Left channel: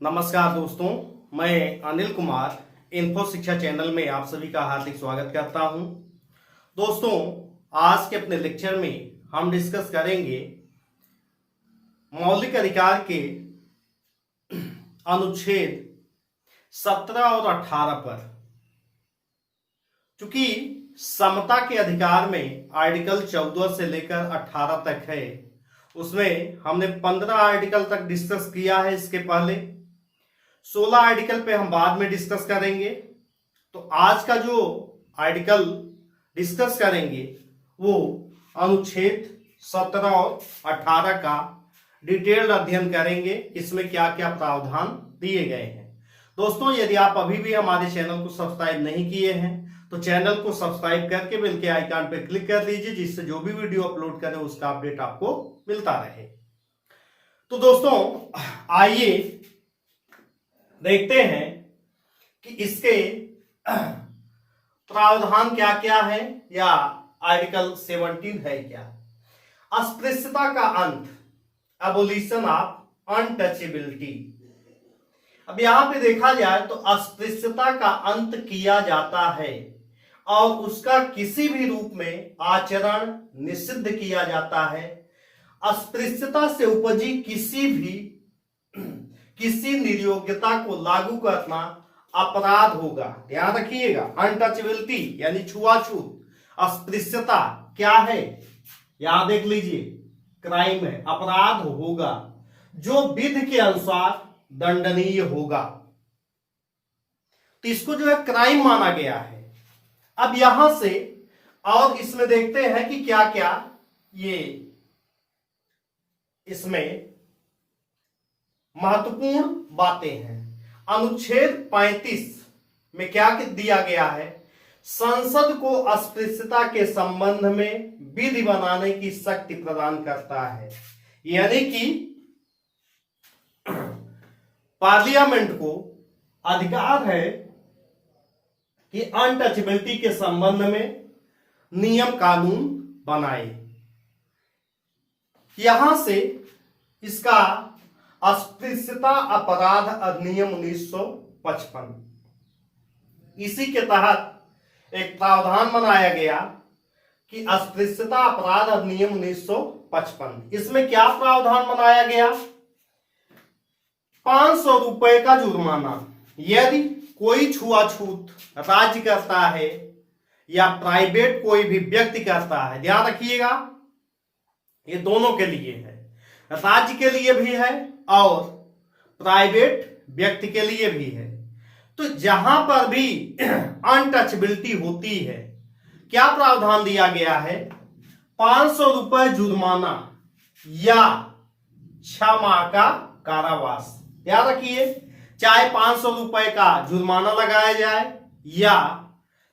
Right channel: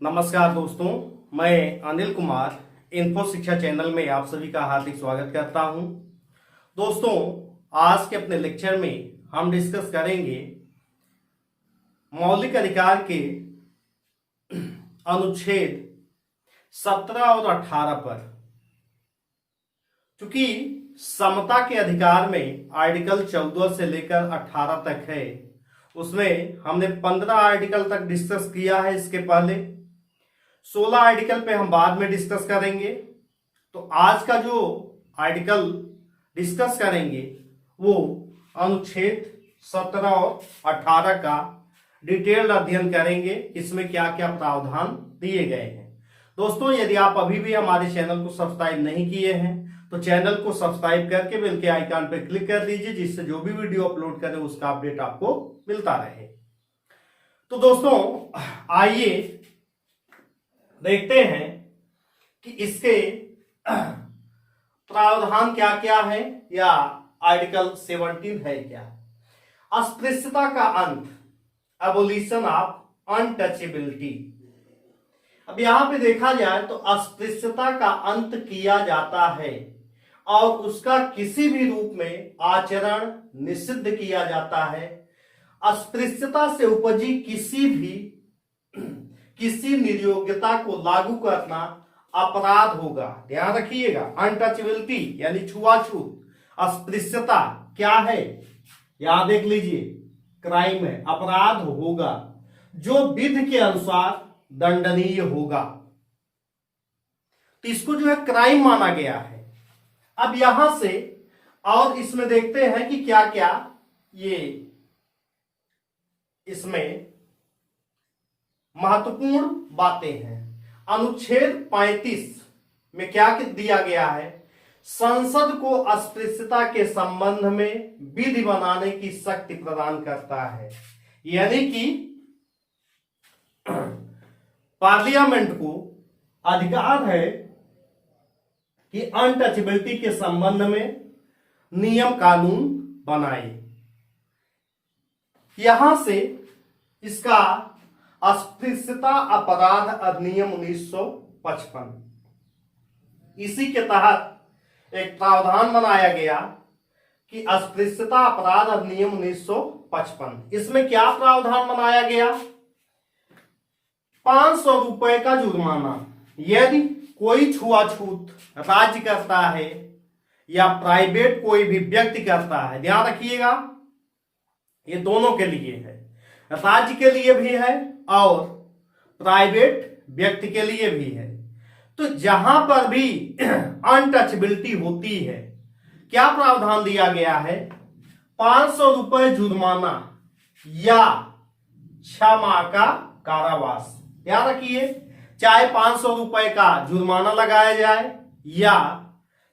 नमस्कार दोस्तों, मैं अनिल कुमार इन्फो शिक्षा चैनल में आप सभी का हार्दिक स्वागत करता हूं। दोस्तों, आज के अपने लेक्चर में हम डिस्कस करेंगे मौलिक अधिकार के अनुच्छेद 17 और 18 पर। चूंकि समता के अधिकार में आर्टिकल 14 से लेकर 18 तक है, उसमें हमने 15 आर्टिकल तक डिस्कस किया है। इसके पहले 16 आर्टिकल पे हम बाद में डिस्कस करेंगे। तो आज का जो आर्टिकल डिस्कस करेंगे वो अनुच्छेद 17 और 18 का डिटेल्ड अध्ययन करेंगे, इसमें क्या क्या प्रावधान दिए गए हैं। दोस्तों, यदि आप अभी भी हमारे चैनल को सब्सक्राइब नहीं किए हैं तो चैनल को सब्सक्राइब करके बेल के आइकन पर क्लिक कर लीजिए, जिससे जो भी वीडियो अपलोड करें उसका अपडेट आपको मिलता रहे। तो दोस्तों, आइए देखते हैं कि इसके प्रावधान क्या क्या है या आर्टिकल 17 है क्या। अस्पृश्यता का अंत, एबोलिशन ऑफ अनटचेबिलिटी। अब यहां पे देखा जाए तो अस्पृश्यता का अंत किया जाता है और उसका किसी भी रूप में आचरण निषिद्ध किया जाता है। अस्पृश्यता से उपजी किसी निर्योग्यता को लागू करना अपराध होगा। ध्यान रखिएगा, अनटचेबिलिटी यानी छुआछूत, अस्पृश्यता क्या है यहां देख लीजिए, क्राइम है, अपराध होगा जो विधि के अनुसार दंडनीय होगा। तो इसको जो है क्राइम माना गया है। अब यहां से और इसमें देखते हैं कि क्या क्या ये इसमें महत्वपूर्ण बातें हैं। अनुच्छेद 35 में क्या दिया गया है, संसद को अस्पृश्यता के संबंध में विधि बनाने की शक्ति प्रदान करता है। यानी कि पार्लियामेंट को अधिकार है कि अनटचेबिलिटी के संबंध में नियम कानून बनाए। यहां से इसका अस्पृश्यता अपराध अधिनियम 1955, इसी के तहत एक प्रावधान बनाया गया कि अस्पृश्यता अपराध अधिनियम 1955। इसमें क्या प्रावधान बनाया गया, 500 रुपए का जुर्माना यदि कोई छुआछूत राज्य करता है या प्राइवेट कोई भी व्यक्ति करता है। ध्यान रखिएगा, ये दोनों के लिए है, राज्य के लिए भी है और प्राइवेट व्यक्ति के लिए भी है। तो जहां पर भी अनटचेबिलिटी होती है, क्या प्रावधान दिया गया है, 500 रुपए जुर्माना या 6 माह का कारावास। याद रखिए, चाहे 500 रुपए का जुर्माना लगाया जाए या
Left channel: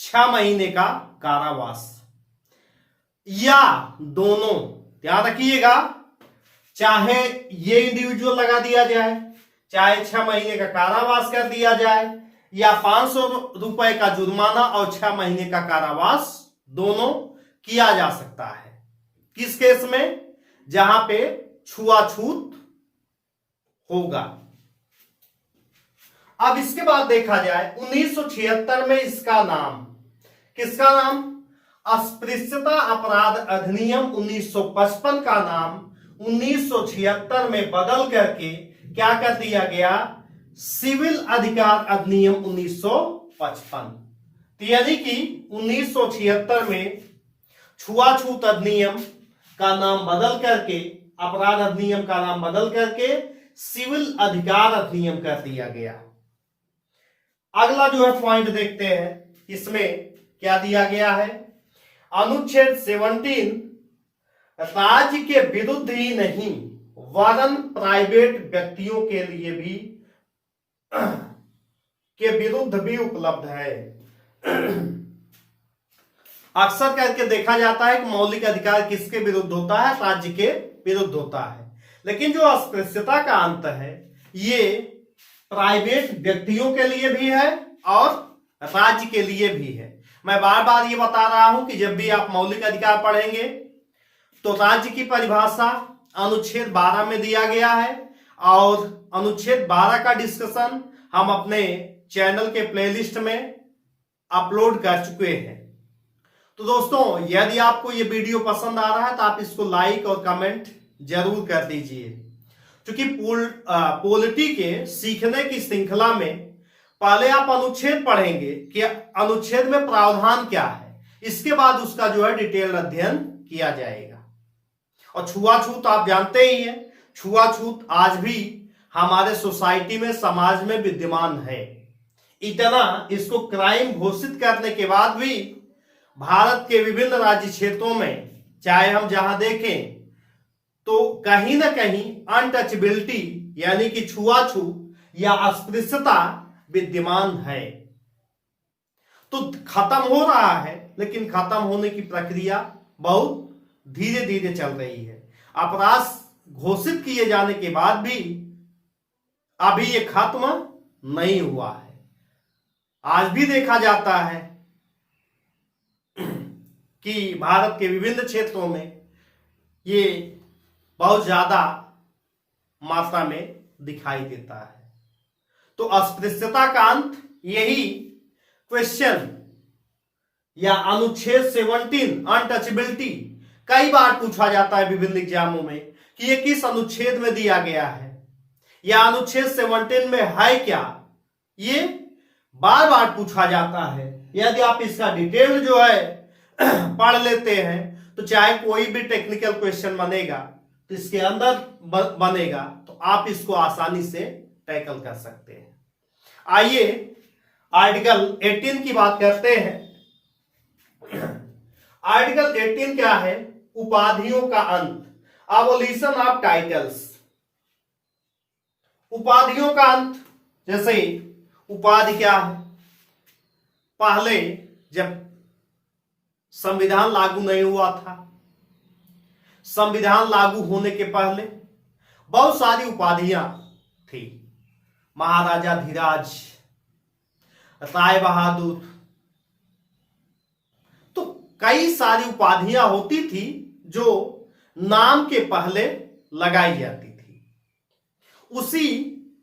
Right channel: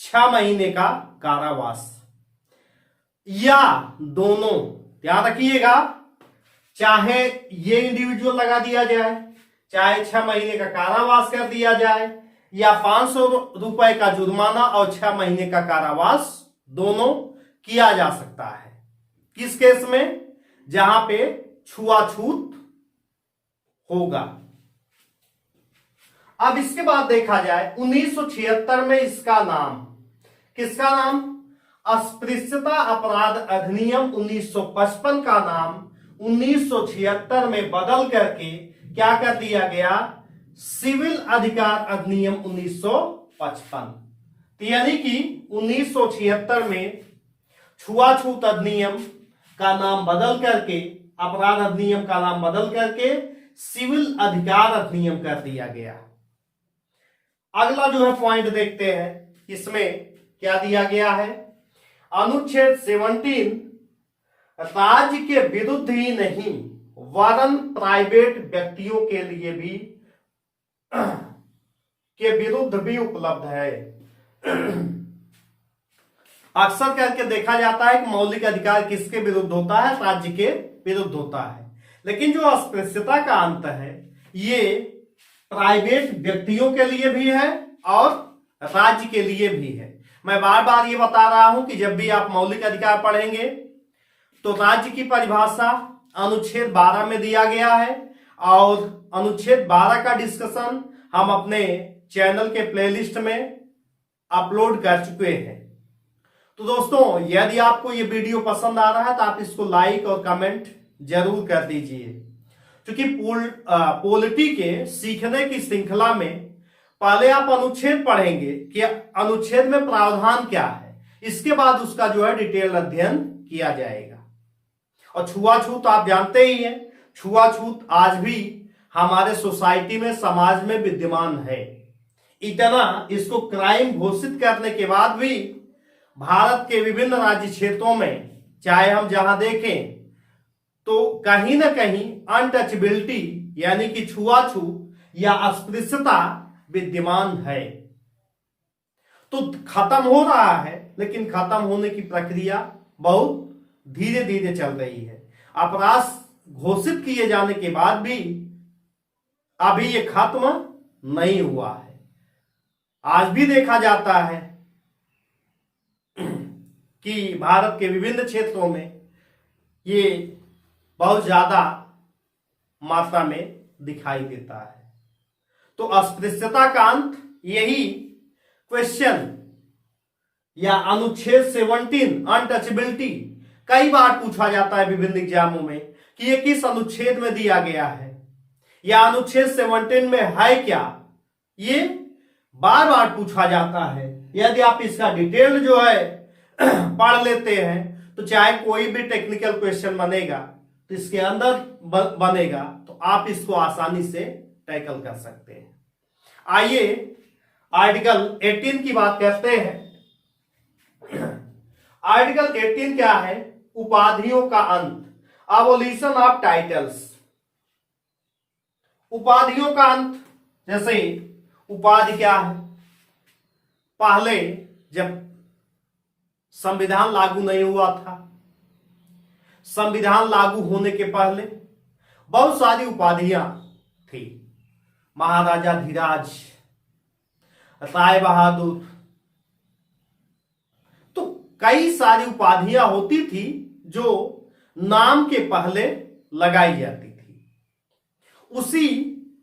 6 महीने का कारावास या दोनों। ध्यान रखिएगा, चाहे ये इंडिविजुअल लगा दिया जाए, चाहे 6 महीने का कारावास कर दिया जाए या 500 रुपए का जुर्माना और 6 महीने का कारावास, दोनों किया जा सकता है। किस केस में, जहां पे छुआछूत होगा। अब इसके बाद देखा जाए 1976 में इसका नाम, किसका नाम, अस्पृश्यता अपराध अधिनियम 1955 का नाम 1976 में बदल करके क्या कर दिया गया, सिविल अधिकार अधिनियम 1955। यानी कि 1976 में छुआछूत अधिनियम का नाम बदल करके, अपराध अधिनियम का नाम बदल करके सिविल अधिकार अधिनियम कर दिया गया। अगला जो है पॉइंट देखते हैं, इसमें क्या दिया गया है, अनुच्छेद 17 राज्य के विरुद्ध ही नहीं वरन प्राइवेट व्यक्तियों के लिए भी के विरुद्ध भी उपलब्ध है। अक्सर करके देखा जाता है कि मौलिक अधिकार किसके विरुद्ध होता है, राज्य के विरुद्ध होता है। लेकिन जो अस्पृश्यता का अंत है ये प्राइवेट व्यक्तियों के लिए भी है और राज्य के लिए भी है। मैं बार बार ये बता रहा हूं कि जब भी आप मौलिक अधिकार पढ़ेंगे तो राज्य की परिभाषा अनुच्छेद 12 में दिया गया है और अनुच्छेद 12 का डिस्कशन हम अपने चैनल के प्लेलिस्ट में अपलोड कर चुके हैं। तो दोस्तों, यदि आपको ये वीडियो पसंद आ रहा है तो आप इसको लाइक और कमेंट जरूर कर दीजिए, क्योंकि पॉलिटी के सीखने की श्रृंखला में पहले आप अनुच्छेद पढ़ेंगे कि अनुच्छेद में प्रावधान क्या है, इसके बाद उसका जो है डिटेल अध्ययन किया जाएगा। और छुआछूत आप जानते ही हैं, छुआछूत आज भी हमारे सोसाइटी में, समाज में विद्यमान है। इतना इसको क्राइम घोषित करने के बाद भी भारत के विभिन्न राज्य क्षेत्रों में, चाहे हम जहां देखें तो कहीं ना कहीं अनटचेबिलिटी यानी कि छुआछूत या अस्पृश्यता विद्यमान है। तो खत्म हो रहा है, लेकिन खत्म होने की प्रक्रिया बहुत धीरे धीरे चल रही है। अपराध घोषित किए जाने के बाद भी अभी ये खत्म नहीं हुआ है। आज भी देखा जाता है कि भारत के विभिन्न क्षेत्रों में ये बहुत ज्यादा मात्रा में दिखाई देता है। तो अस्पृश्यता का अंत यही क्वेश्चन या अनुच्छेद 17 अनटचेबिलिटी कई बार पूछा जाता है विभिन्न एग्जामों में कि ये किस अनुच्छेद में दिया गया है या अनुच्छेद 17 में है क्या, ये बार बार पूछा जाता है। यदि आप इसका डिटेल जो है पढ़ लेते हैं तो चाहे कोई भी टेक्निकल क्वेश्चन बनेगा तो इसके अंदर बनेगा, तो आप इसको आसानी से टैकल कर सकते हैं। आइए आर्टिकल 18 की बात करते हैं। आर्टिकल 18 क्या है? उपाधियों का अंत, अबोलिशन ऑफ टाइटल्स। उपाधियों का अंत, जैसे उपाधि क्या है? पहले जब संविधान लागू नहीं हुआ था, संविधान लागू होने के पहले बहुत सारी उपाधियां थी। महाराजा धीराज, राय बहादुर, तो कई सारी उपाधियां होती थी जो नाम के पहले लगाई जाती थी। उसी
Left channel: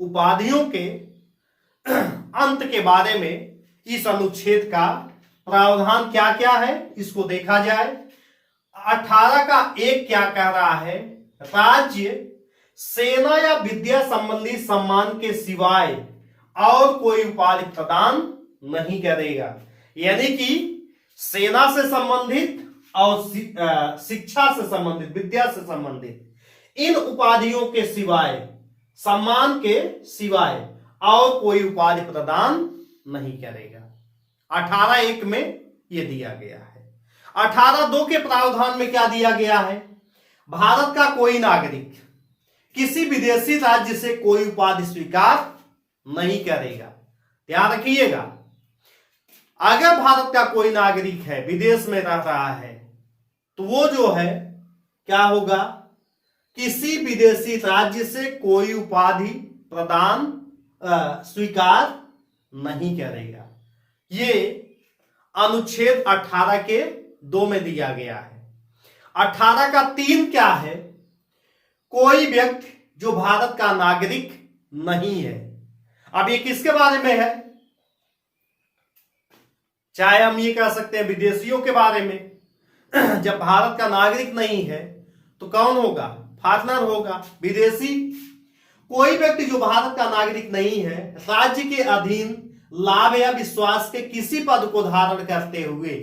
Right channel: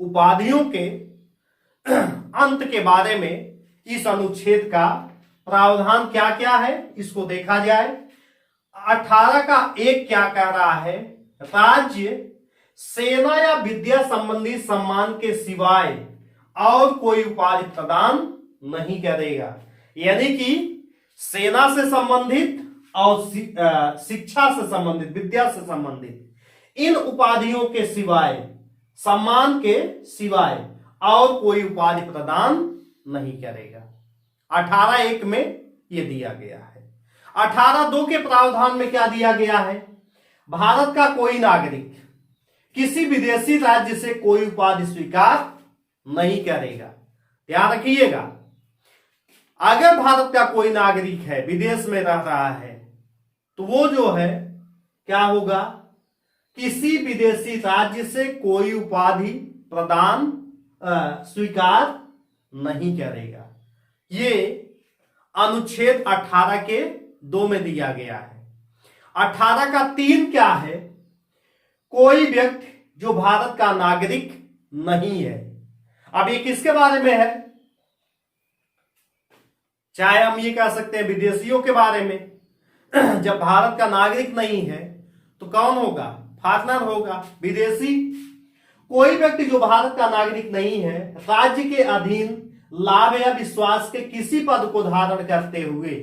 उपाधियों के अंत के बारे में इस अनुच्छेद का प्रावधान क्या क्या है, इसको देखा जाए। 18 का 1 क्या कह रहा है? राज्य सेना या विद्या संबंधी सम्मान के सिवाय और कोई उपाधि प्रदान नहीं करेगा। यानी कि सेना से संबंधित और शिक्षा से संबंधित, विद्या से संबंधित इन उपाधियों के सिवाय, सम्मान के सिवाय और कोई उपाधि प्रदान नहीं करेगा। 18(1) में यह दिया गया है। 18(2) के प्रावधान में क्या दिया गया है? भारत का कोई नागरिक किसी विदेशी राज्य से कोई उपाधि स्वीकार नहीं करेगा। ध्यान रखिएगा, अगर भारत का कोई नागरिक है, विदेश में रह रहा है, तो वो जो है क्या होगा? किसी विदेशी राज्य से कोई उपाधि प्रदान स्वीकार नहीं करेगा। ये अनुच्छेद 18 के 2 में दिया गया है। 18 का 3 क्या है? कोई व्यक्ति जो भारत का नागरिक नहीं है। अब ये किसके बारे में है? चाहे हम ये कह सकते हैं विदेशियों के बारे में। जब भारत का नागरिक नहीं है तो कौन होगा? फॉरेनर होगा, विदेशी। कोई व्यक्ति जो भारत का नागरिक नहीं है, राज्य के अधीन लाभ या विश्वास के किसी पद को धारण करते हुए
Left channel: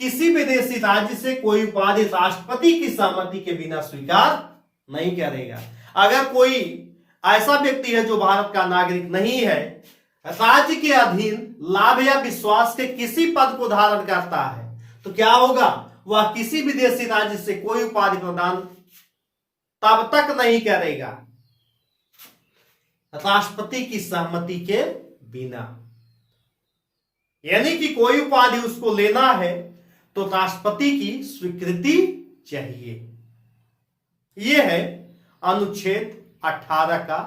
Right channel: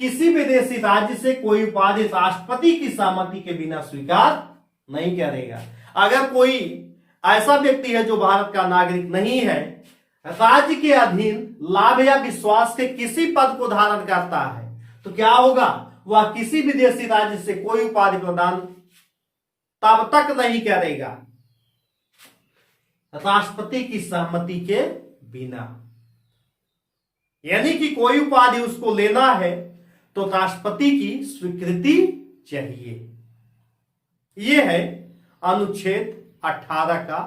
किसी विदेशी राज्य से कोई उपाधि राष्ट्रपति की सहमति के बिना स्वीकार नहीं करेगा। अगर कोई ऐसा व्यक्ति है जो भारत का नागरिक नहीं है, राज्य के अधीन लाभ या विश्वास के किसी पद को धारण करता है, तो क्या होगा? वह किसी विदेशी राज्य से कोई उपाधि प्रदान तब तक नहीं करेगा राष्ट्रपति की सहमति के बिना। यानी कि कोई उपाधि उसको लेना है तो राष्ट्रपति की स्वीकृति चाहिए। यह है अनुच्छेद 18 का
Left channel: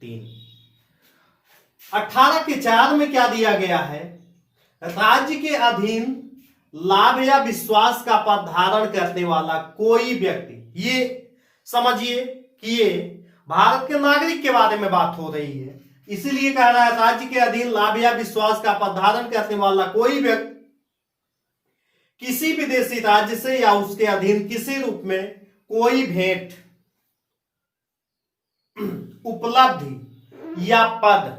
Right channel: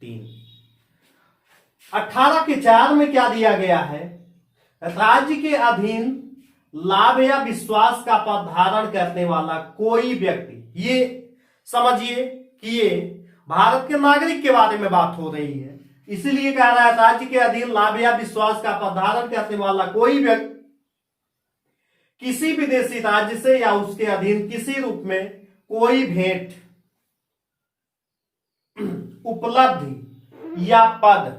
3। 18 के 4 में क्या दिया गया है? राज्य के अधीन लाभ या विश्वास का पद धारण करने वाला कोई व्यक्ति, ये समझिए कि ये भारत के नागरिक के बारे में बात हो रही है। इसीलिए कह रहा है राज्य के अधीन लाभ या विश्वास का पद धारण करने वाला कोई व्यक्ति किसी विदेशी राज्य से या उसके अधीन किसी रूप में कोई भेंट, उपलब्धि या पद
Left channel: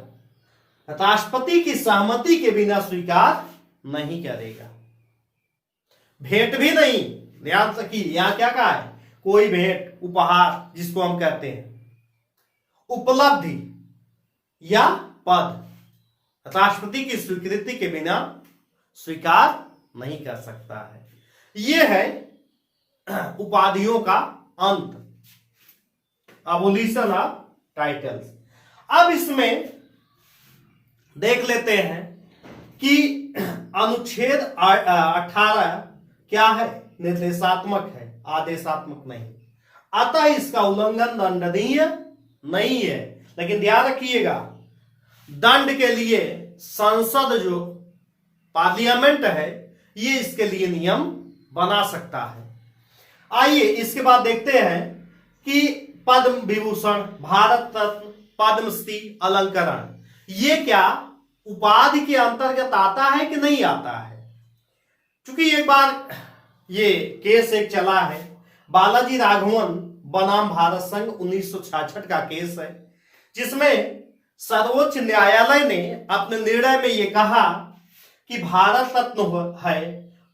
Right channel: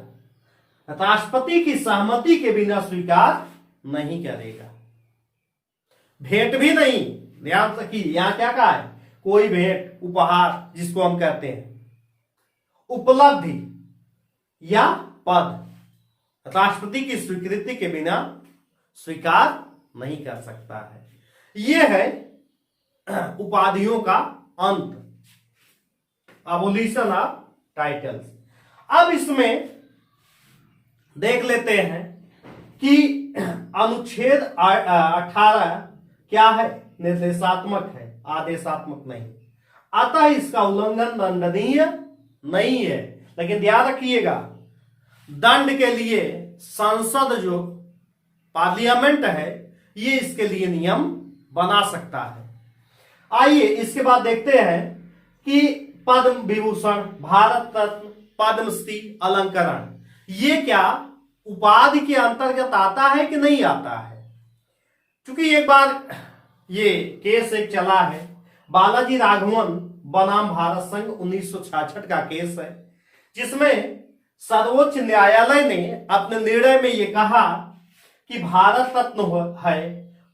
राष्ट्रपति की सहमति के बिना स्वीकार नहीं करेगा। भेंट भी नहीं, ध्यान रखिए, यहां क्या कहा है, कोई भेंट, उपहार जिसको हम कहते हैं, उपलब्धि या पद राष्ट्रपति की स्वीकृति के बिना स्वीकार नहीं कर सकता है। यह है उपाधियों का अंत, अबोलिशन ऑफ टाइटल्स। अब इसमें देख लेते हैं कि अनुच्छेद 18 क्या है, निर्देशात्मक है, आदेशात्मक नहीं, अतः इसका उल्लंघन दंडनीय नहीं है। लेकिन ध्यान रखिएगा, दंड के लिए संसद जो पार्लियामेंट है ये इसके लिए नियम बना सकता है। आइए इसके बाद देखते हैं कि पद्म विभूषण, भारत रत्न, पद्मश्री, अलंकरण, ये क्या उपाधि के अंतर्गत आता है कि नहीं आता है। क्योंकि एक बार ये केस एक चला है, बालाजी राघवन बनाम भारत संघ 1966 का केस है, जिसमें सर्वोच्च न्यायालय ने अपने निर्णय में ये कहा कि भारत रत्न है,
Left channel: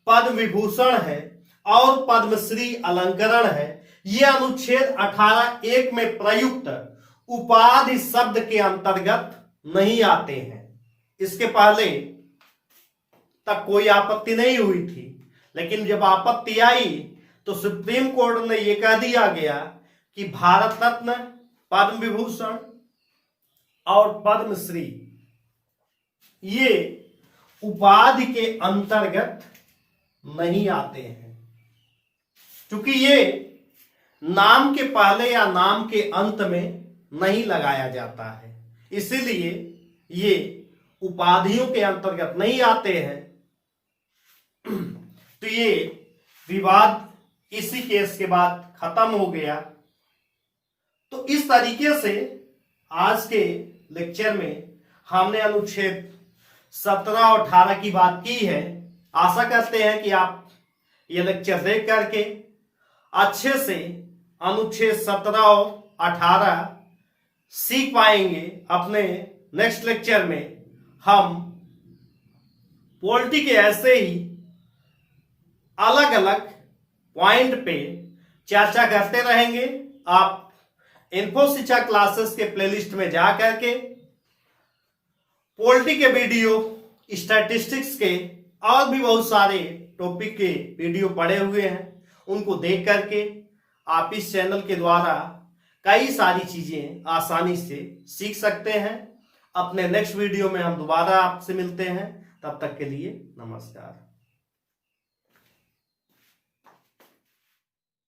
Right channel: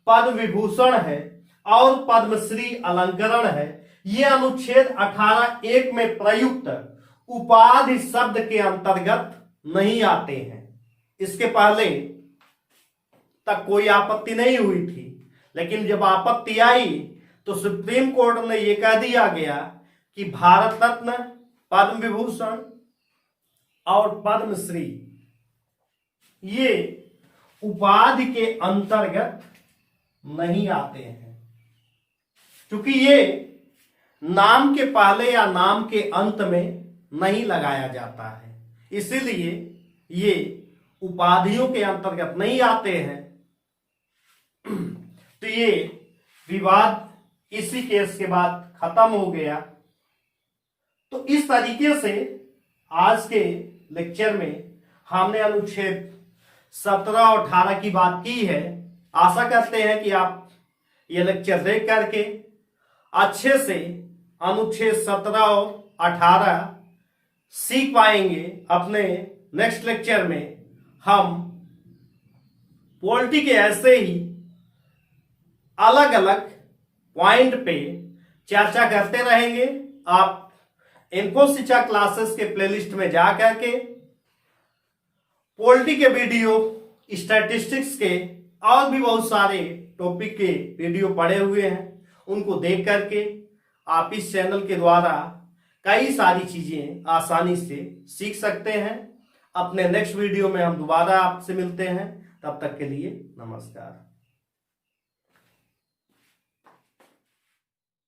पद्म विभूषण है और पद्मश्री अलंकरण है, ये अनुच्छेद 18(1) में प्रयुक्त उपाधि शब्द के अंतर्गत नहीं आते हैं। इसके पहले तक कोई आपत्ति नहीं हुई थी, लेकिन जब आपत्ति आई तो सुप्रीम कोर्ट ने यह कह दिया गया कि भारत रत्न, पद्म विभूषण और पद्मश्री ये उपाधि के अंतर्गत नहीं आते हैं, क्योंकि ये नाम के पहले या नाम के अंत में नहीं लगाया जाता है, इसीलिए ये उपाधियों के अंतर्गत नहीं आते हैं। तो ये विवाद इसी केस के बाद खत्म हो गया। तो इस तरीके से आज के लेक्चर में हमने अनुच्छेद 17 और 18 की बात की है। आशा करते हैं कि आप ये लेक्चर देख करके अच्छे से अनुच्छेद 17 और 18 सीख पाएंगे। अपने नेक्स्ट लेक्चर में हम पॉलिटी के ऐसे ही अलग अलग पॉइंट पे चर्चा करते रहेंगे। आप इन्फो शिक्षा क्लासेस के प्लेलिस्ट में जा करके पॉलिटी के वीडियो, स्टैटिस्टिक्स के और भी बहुत सारे टॉपिक के वीडियो पड़े हुए हैं, उनको देख करके आप इस चैनल के द्वारा कई सारी चीजें आसानी से सीख सकते हैं। अपने नेक्स्ट वीडियो में हम दोबारा आपसे मिलते हैं, तब तक के लिए नमस्कार।